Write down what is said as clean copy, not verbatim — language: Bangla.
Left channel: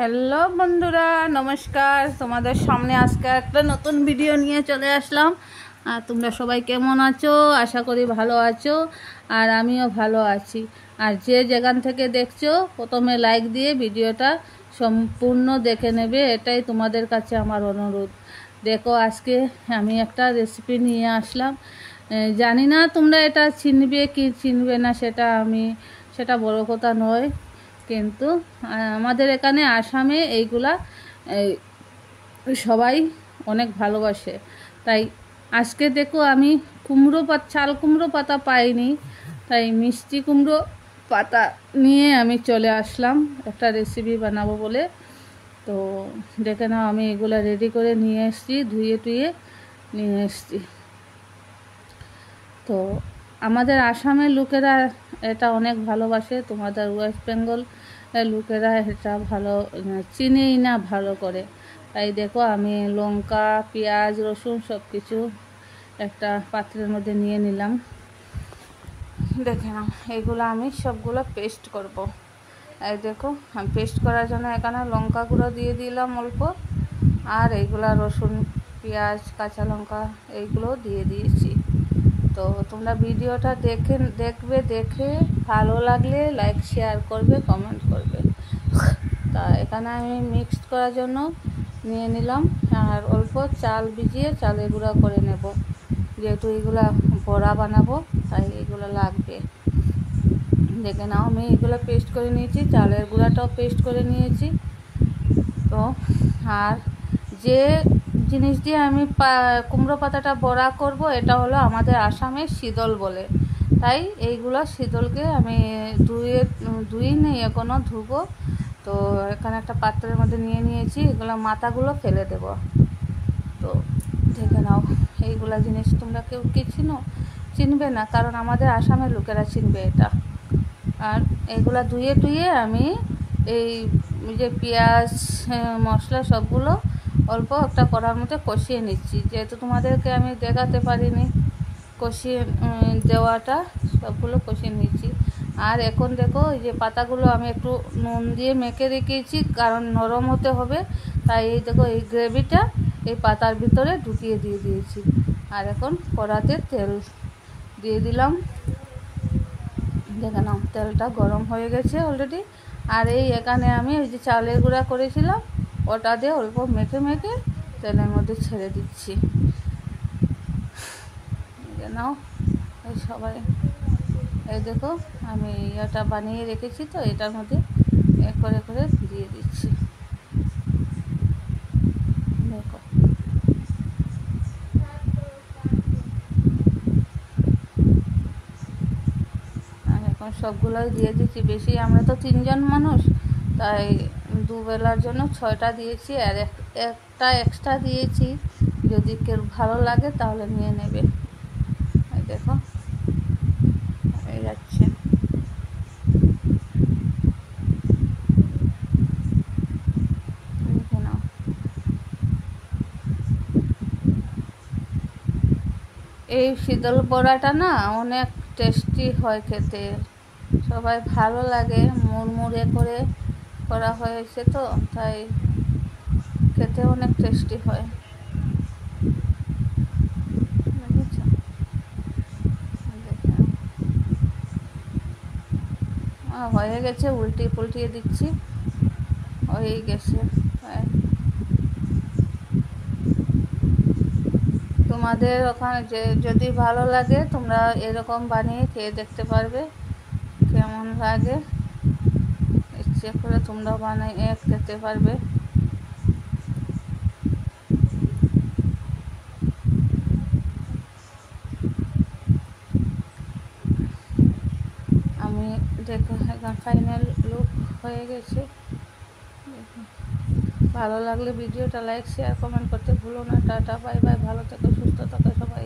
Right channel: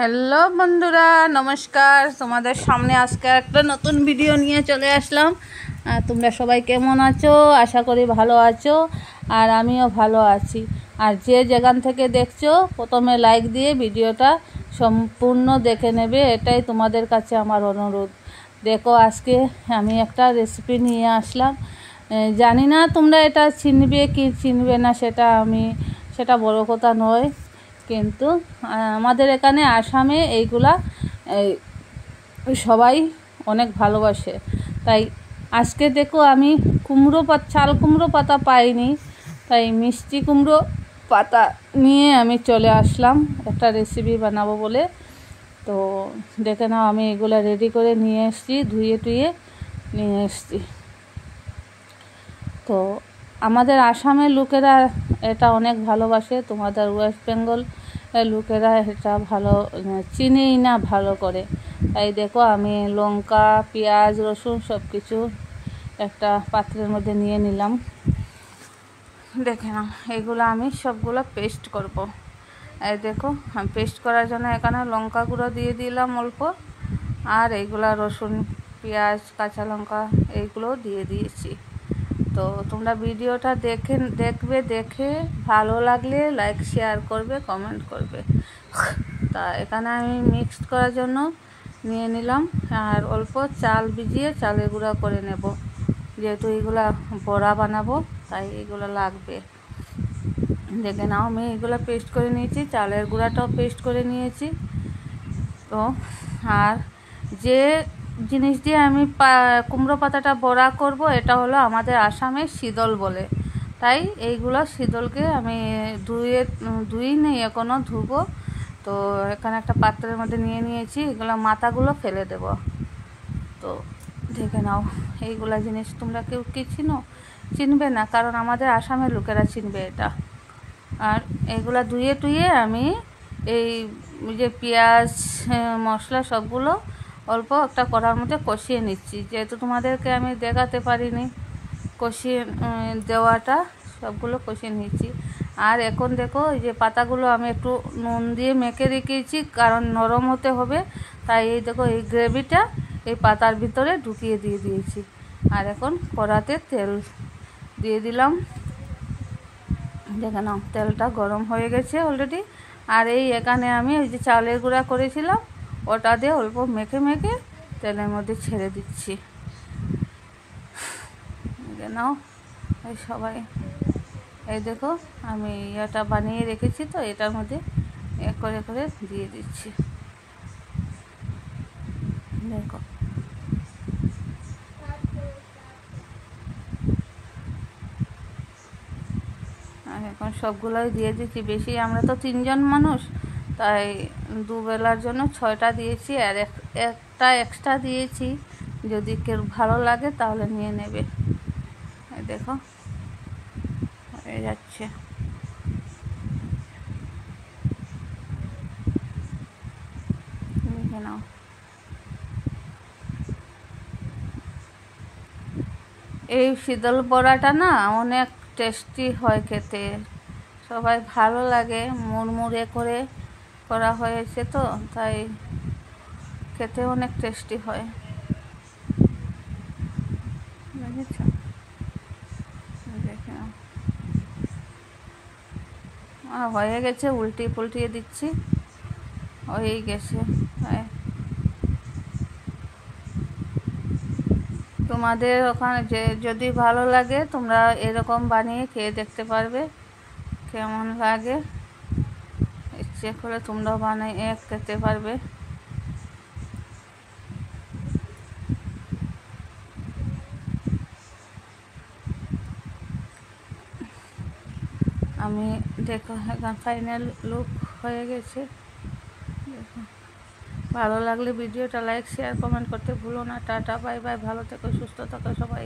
হ্যালো বন্ধুরা, নমস্কার। তোমাদের সামনে আজকে একটা নতুন ভিডিও নিয়ে চলে আসলাম। তোমরা সবাই কেমন আছো? আশা করি ভালো আছো, আর আমিও ভালো আছি। আর যে যেখান থেকে দেখছো প্রথমে লাইক দিয়ে ভিডিওটা সম্পূর্ণ দেখে নেবে, এটাই তোমাদের কাছে আমার অনুরোধ। দেখো, আজকে আমি একটা রেসিপি নিয়ে আসলাম। জানি না তোমরা এটা চিনবে কি চিনবে না, সেটা বড় কথা নয়, কিন্তু আমাদের এখানে আসামে এইগুলা সবাই অনেক ভালোবাসে। তাই আজকে দেখো, আমি চাল কুমড়ো পাতা পাইনি, তাই মিষ্টি কুমড়ো পাতা নিয়ে আমি চলে আসলাম একটা রেসিপি বানাবো বলে। তো দেখে নাও, আমি এগুলা রেডি করে নিয়ে এসেছি, ধুয়ে টুয়ে নিয়ে এসেছি। তো আমাদের আসামের লোকেরা এটা অনেক ভালোবাসে, তোমাদের ওয়েস্ট বেঙ্গল লোকেরা এটা চিনেই না ভালো করে। তাই দেখো, আমি লঙ্কা, পেঁয়াজ, রসুন সব কিছু একটা পাত্রের মধ্যে নিয়ে নিলাম। দেখে নাও, এগুলো আমি সবগুলো পেস্ট করব। এই দেখো, আমি পেস্ট করার জন্য এখানে লঙ্কা গুঁড়ো দিয়ে দিলাম অল্প, আর এইগুলা রসুন, পেঁয়াজ, কাঁচা লঙ্কা এইগুলো দিয়ে দিয়েছি। তো তোমরা ভিডিওটা দেখে ভালো লাগলে লাইক শেয়ার করবে, কমেন্ট করবে। তা এখানে আমি মিক্সড করার জন্য নিয়ে নিলাম, আর অল্প চাল ভিজিয়ে চালের গুঁড়া করে নেব, যেহেতু এগুলা বড়া বানাবো তাই এগুলো লাগবে। দেখে নাও, আমি এগুলো পেস্ট করে নিয়েছি, চালের গুঁড়াটাও পেস্ট করে নিয়েছি। তো আর যে জিনিস দিয়ে আমি কুমড়ো পাতাটা বড়া করব, এটা হলো আমাদের আসামে শীতল বলে। তাই এইগুলো শীতলকে আমি ধুই নেই এখনও, ধুবো। তো এখানে একটা পাত্রের মধ্যে নিয়ে নিয়েছি, এগুলো মাথাগুলো ফেলে দেব। তো দেখে নাও, এইগুলা জিনিস তোমরা কেউ কি চিনবে না, কারণ আমাদের আসামের লোকেরা চিনবে এটা। আর এগুলা ধুয়ে টুয়ে আমি এই যে পেঁয়াজ, মশলা সবগুলো অল্প একটা কড়ার মধ্যে কষিয়ে নিচ্ছি, যেহেতু তোমাদেরকে আমি দেখাতে পারিনি কষিয়ে দেওয়াটা, সবগুলো কষিয়ে নিচ্ছি। আর এখন দেখো, এই যে পাতাগুলো আমি একটু নুন দিয়ে মেখে রেখেছি, কারণ নরম হতে হবে। তাই এই দেখো, এই গ্রেভিটা এই পাতার ভিতরে ঢুকিয়ে দিয়ে দিয়েছি। আর এখন কড়াতে তেল দিয়ে দিলাম। দেখে নাও, তেলটা গরম হয়ে গেছে অলরেডি। আর এখানে আমি ওই যে চালের গুঁড়া করেছিলাম, ওটা দিয়ে অল্প মেখে তেলের মধ্যে ছেড়ে দিচ্ছি। নাও, এই সবাই এই দেখো, আমি এটা বানিয়ে রেখেছি, তো এটার মধ্যে এক করে করে দিয়ে দিচ্ছি। দেখো, আর এখন সবগুলোই দিয়ে দিচ্ছি। বেশি, আমরা তো 3 জন মানুষ, তাই দুবেলার জন্য 6টা দিয়েছি, আর একটা এক্সট্রা দিয়েছি, যদি কেউ ভালো লাগে তাহলে নিয়ে নেবে। দেখো, হয়ে যাচ্ছে। দেখে নাও, এই শীতল বড়াটা না অনেক টেস্টি হয় খেতে, সবাই ভালো লাগে। মুড়মুড়ে করে করা হয়েছে, তো তাই খেতে অনেক টেস্টি হয়। বুঝেছো? দেখে হয়ে গেছে, উল্টিয়ে দিচ্ছি, হয়েই গেছে। তোমাদের ওখানে যদি ভালো লাগে, তোমরা এরকম বানিয়ে খেয়ে দেখতে পারবে কেমন লাগে। ইচ্ছে করে তোমরাও বানিয়ে খেতে পারবে। আমি দেখো, এখন ফাইনাল লুক হয়ে গেছে। দেখো, ভালো লাগলে ভিডিওটা লাইক শেয়ার কমেন্ট করতে ভুলো না। টাটা, বাই বাই, ভালো থেকো, সুস্থ থাকো সবাই।